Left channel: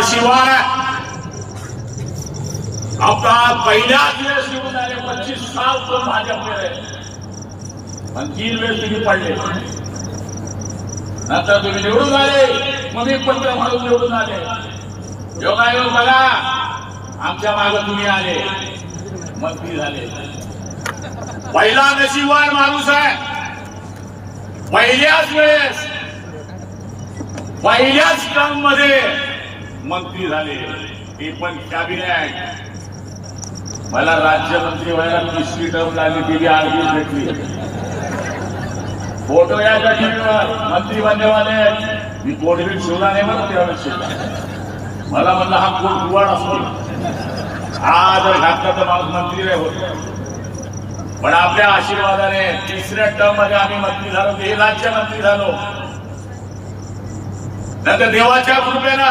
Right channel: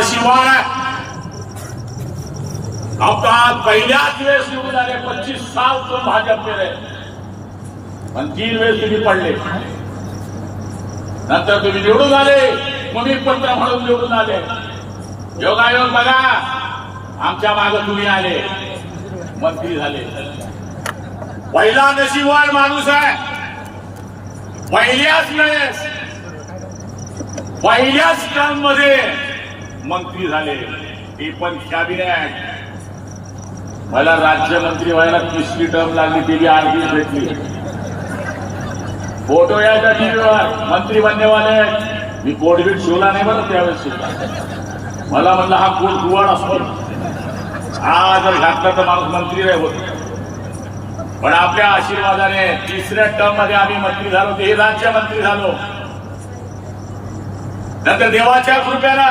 नशिबान आमचा पहिल्याच वेळेस निवडून आले पंचवीस साल तो भाजप केले पण तीन वेळेस तुम्ही पडले. नंतर तुम्ही निवडून आले तुम्ही मी पण म्हणून निवडून आले. योगायोग बघा आमच्या मागे तुम्ही आले. मंत्री झाले. पहिला नशिबान माणूस आहे. पहिल्याच वेळेस पहिल्याच काममध्ये मंत्री झाले. ते पण कॅबिनेट मला राज्यमंत्री व्हायला तिसरी टर्म लागली ती आरबी भेटली फोटो याच्या टीव्हीवर मंत्री बनण्यावाले मी पोटबीट शिवला नाही बरं त्यावेळेस. मला म्हणलं हा खूप कुवाड असतो. आज घातला तर माणूस मंत्री नाही होत. पण आपल्या आशीर्वादाने तिसऱ्या टर्ममध्ये आम्ही मंत्री झालो. ते राज्यमंत्री झालो. नंतर देवाच्या कृपेला